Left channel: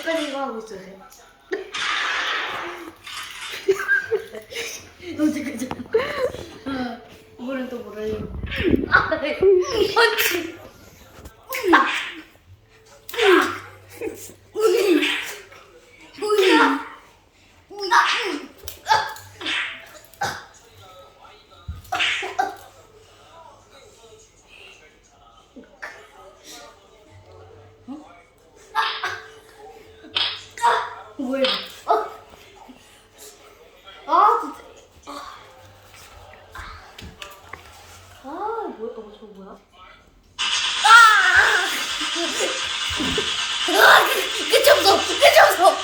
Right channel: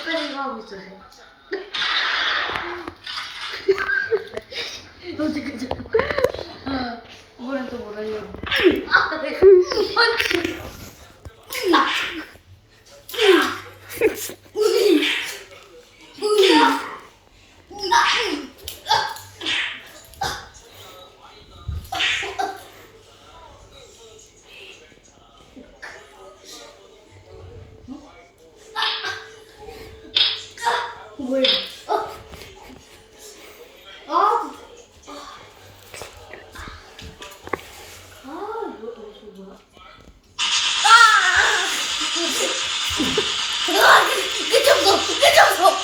헷갈린 거 하고 있어요. 어떡하지? 이번엔 또 뭘 하려고? 펀치! 뭐야 이거? 진짜. 뭐야? 저거 뭐야? 끝장서! 끝장서!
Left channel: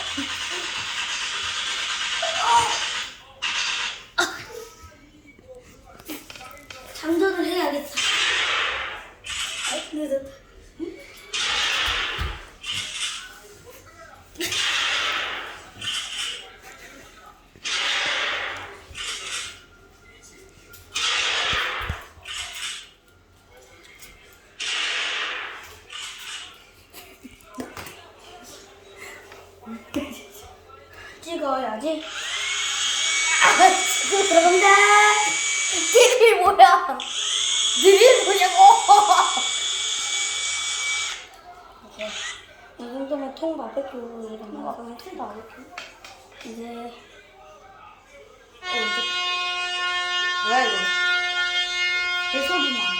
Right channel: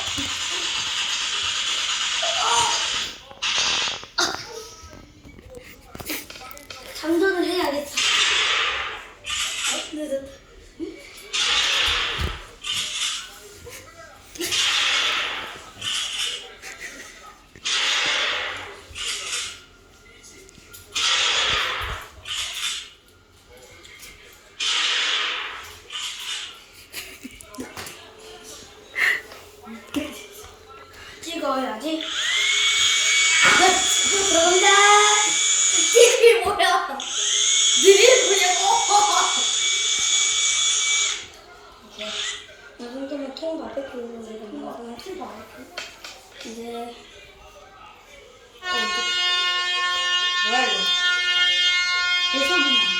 장전을 해야겠다. 찍어야지. 지금 그런다. 이게 뭐야? 이게 뭐냐고? 오케이. 이 정도면 통 바베큐 우리가 먹으면 통 바베큐. 이제 뭐야 이거? 내 소리 나.